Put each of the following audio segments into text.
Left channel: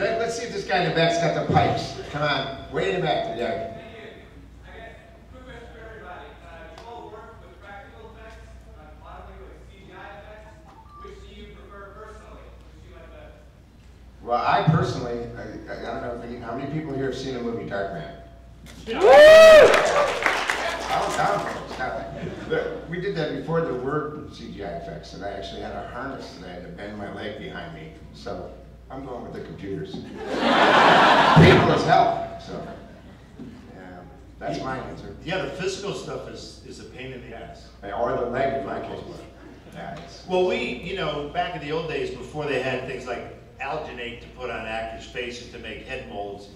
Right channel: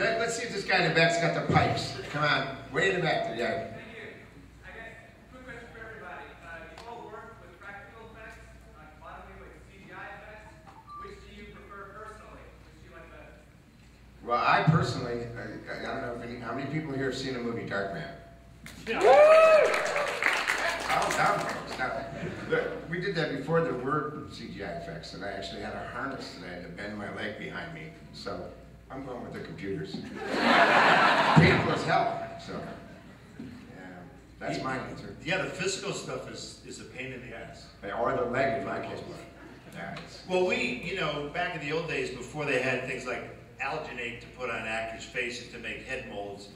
Let's see if this guy in the back's got the pipes. Come on, way in the back. Yeah. Thank you. I got quick question for everybody. You all work with practical effects, modeling with CGI effects. Which do you prefer personally? Which do you like better? Well, I personally, I don't know how many people here have seen the movie Darkman. Oh, down, folks. Now, we did that before there were CGI effects, and I actually had a harness that I had to bend my leg behind me. So I'm going with the computers. Painful as hell. So yeah, that's my answer. Yeah, the physical stuff is a pain in the ass. Or the leg in my case. Yeah, well, we, back in the old days before they had things like alginate to put on actors' faces to make head molds.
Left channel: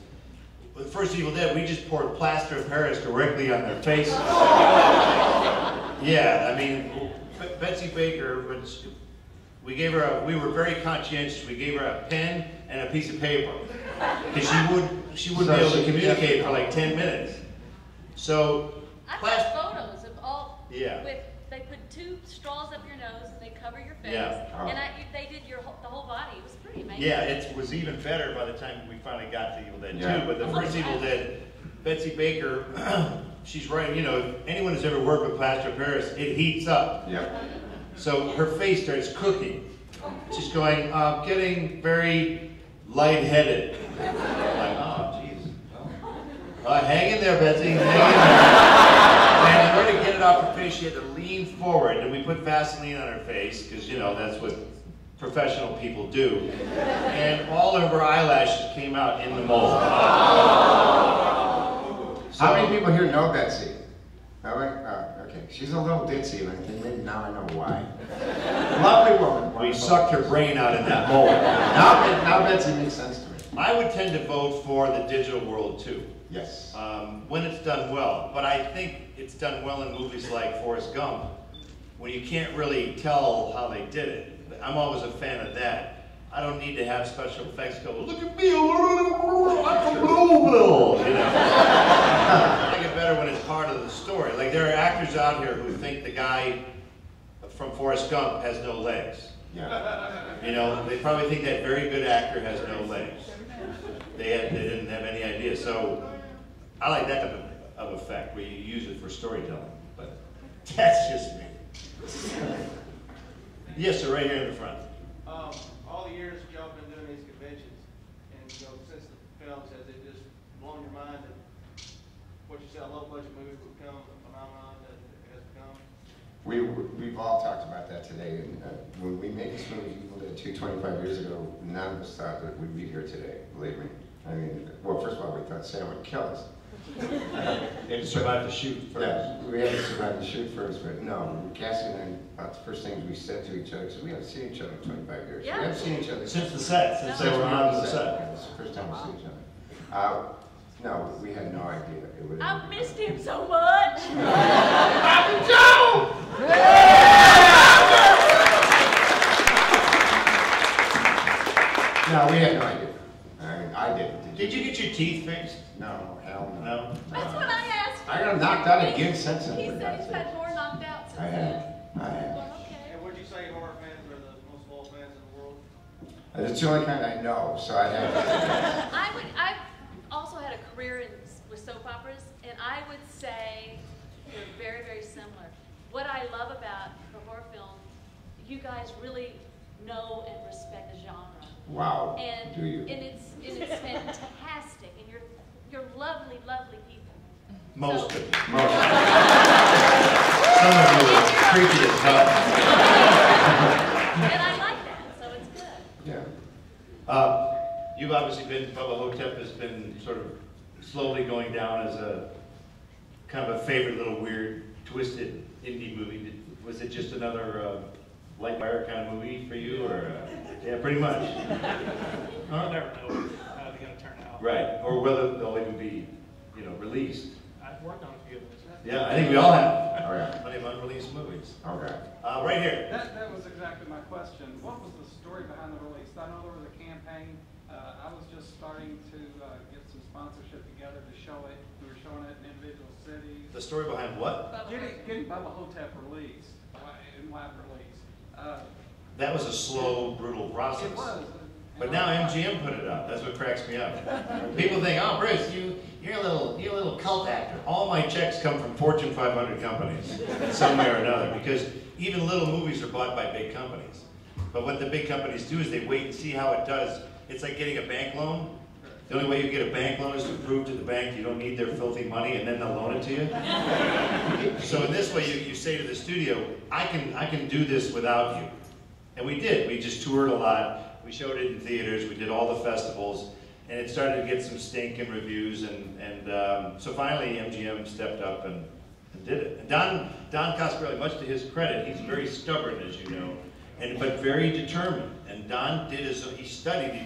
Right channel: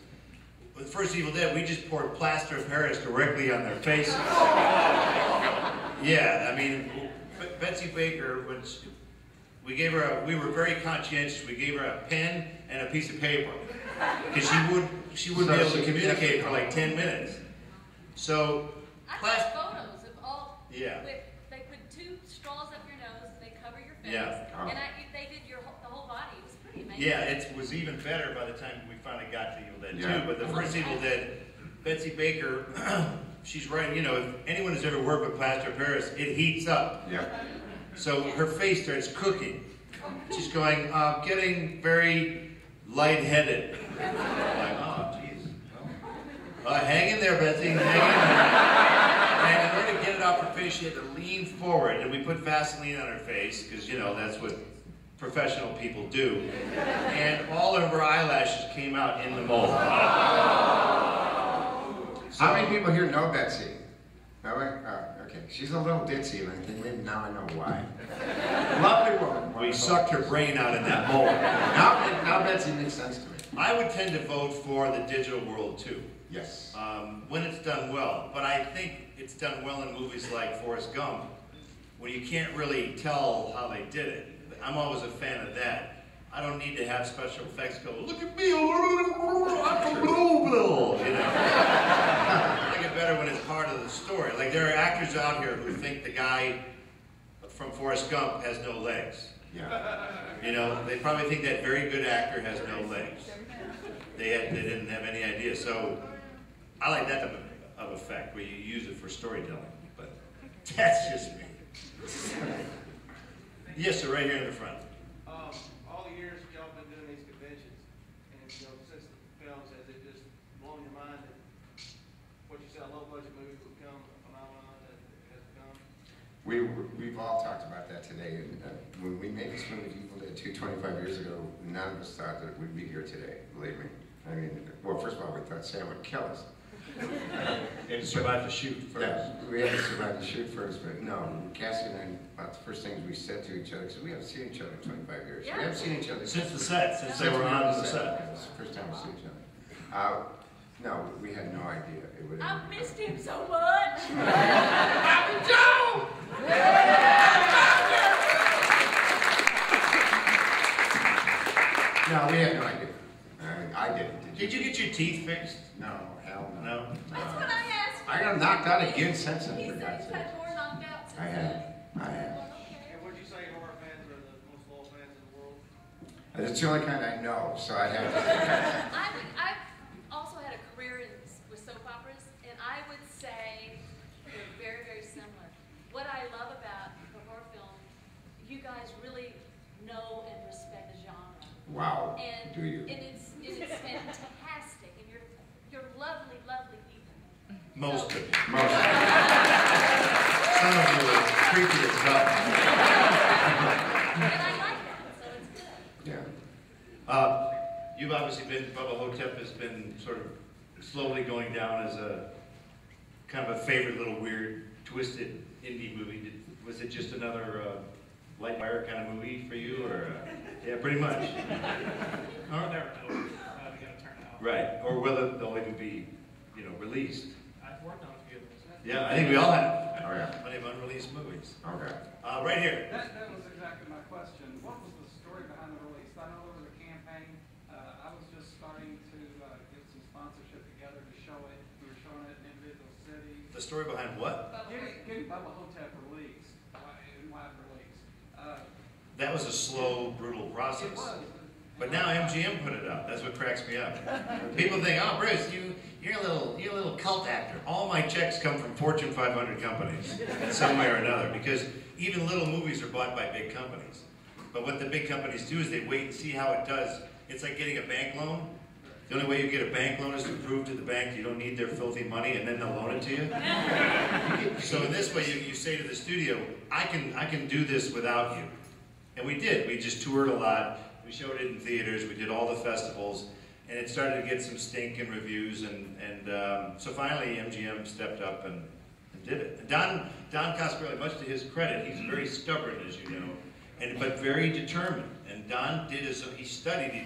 With the first Evil Dead, we just poured plaster of Paris directly on their faces. Yeah, I mean, Betsy Baker, we were very conscientious. We gave her a pen and a piece of paper because she wouldn't be able to communicate for like 10 minutes. So, I've got photos of all. Yeah. They put 2 straws up your nose and they cover your face. Yeah. Oh. And they did the whole body. It was pretty amazing. Yeah, it was even better by the time we finally got to Evil Dead 2. Yeah. But the first Evil Dead, Betsy Baker, she's writing, if anyone has ever worked with plaster of Paris, it heats up. Yeah. So her face starts cooking. She's going, getting very lightheaded. I'm like, oh, jeez. Hang in there, Betsy, hang in there. And in order to get it off her face, she had to lean forward, and we put Vaseline on her face, because, that's what professional people do. And all of her eyelashes came out in the mold. How many people here know Betsy? No, okay. She's a little ditzy, and I think maybe now I know why. Lovely woman. We sucked her brain out in that mold. Now Betsy makes sense to me. I would tend to vote for the digital world too. Yes. When it's done well. But I think it's done well in movies like Forrest Gump, when you can't really tell how they did it. I'm always a fan of that. I don't need to have special effects go, look at me, I'm from Louisville, I think it's better when it's part of the story. Like there are actors out here who think the guy from Forrest Gump has no legs. Yeah. They probably think that very good actor has no legs. They didn't have any idea. So I like that type of effect where you use it for storytelling. But that's just me. Yes, sir, right here in the front. All the years y'all been doing these conventions, and since the films, has it just blown your mind that what you said, a low-budget movie would become a phenomenon that it has become? We've all talked about that today. And, when we made this movie, Evil Dead 2 25 years ago, none of us thought that we'd be here today, believe me. I mean, well, first of all, we thought Sam would kill us. And survive the shoot first. Yeah, we had to survive the shoot first, but no, Cassie and I, about the first things we said to each other, because we haven't seen each other in 25 years. Yeah. We haven't seen each other Since the set, since they were on the set. Yeah, it's the first time we see each other. No, we had no idea it would. I missed him so much. No, we had no idea. I mean, I didn't. Did you get your teeth fixed? No, hell no. No? That's what I asked. I got knocked out again since then, He for said God's he's sake. had more knocked out since I then. have. Okay. And would you say horror fans are the most loyal fans in the world? That's the only kind I know, so I'd have to. I've also had a career with soap operas, and I would say they're very, very similar. What I love about the horror film, you guys really know and respect the genre. Wow. And, do you? And it's fantastic, and you're lovely, lovely people. Most of you. Most. Some of you are creepy as hell. And I like that, so it's good. Yeah. You've obviously been, Bubba Hotep has been sort of slowly going down as a kind of a favorite little weird, twisted indie movie. Was it just another light wire kind of movie for you, or yeah, pretty much? I'll never know how they're going to turn out. Right, or whether they'll even be, released. I've worked on a few of those. Yeah, I think we all have. Oh yeah. Plenty of unreleased movies. Okay. Right here. That was exactly my question. What was the story behind the release? I know there was a campaign. I was just starting to get some sponsorship together to show it. We were showing it in individual cities. The story behind what? Getting Bubba Hotep released, in wide release. That was a slow, brutal process. It was. But now MGM put it up. That's what cracks me up. People think, oh, Bruce, you're a little cult actor. All my checks come from Fortune 500 companies in some way or another, because even little movies are bought by big companies. But what the big companies do is they wait and see how it does. It's like getting a bank loan. The only way you get a bank loan is to prove to the bank you don't need their filthy money, and then they'll loan it to you. So in this way, you say to the studio, I can do this without you. And we did. We just toured a lot. We showed it in theaters. We did all the festivals. And it started to get some stinking reviews. And so finally, MGM stepped up and did it. And Don Coscarelli, much to his credit, he's very stubborn, as you know, but very determined. And Don did he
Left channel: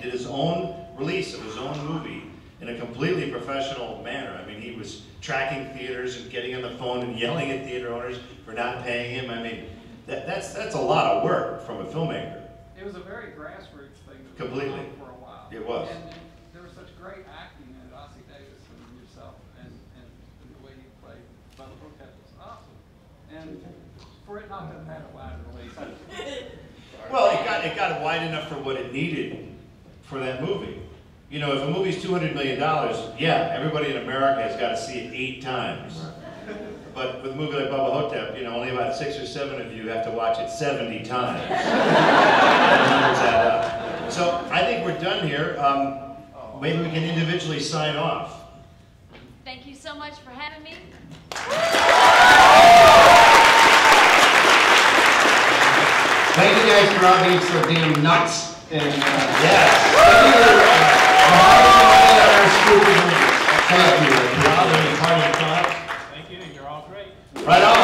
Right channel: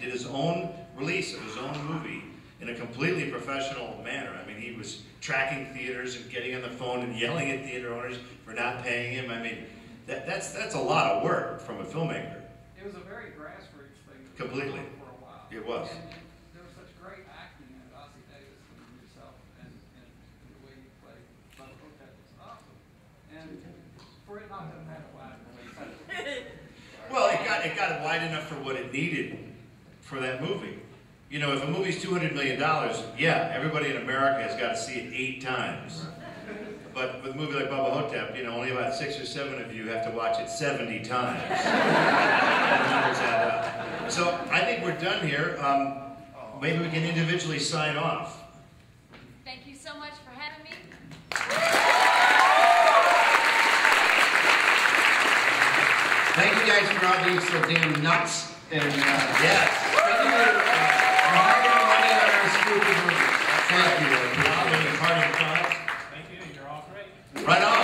did his own release of his own movie in a completely professional manner. I mean, he was tracking theaters and getting on the phone and yelling at theater owners for not paying him. I mean, that's a lot of work from a filmmaker. It was a very grassroots thing. Completely. For a while. It was. And there was such great acting in it. Ossie Davis and yourself, and the way you played Bob Hook was awesome. And for it not to have had a wide release. Well, it got wide enough for what it needed for that movie. You know, if a movie's $200 million, yeah, everybody in America has got to see it 8 times. But with a movie like Bubba Hotep, you know, only about 6 or 7 of you have to watch it 70 times. The numbers add up. So I think we're done here. Maybe we can individually sign off. Thank you so much for having me. Thank you guys for all being so damn nuts. And Yes. Thank you. Thank you. Thank you. You're all great. Right on.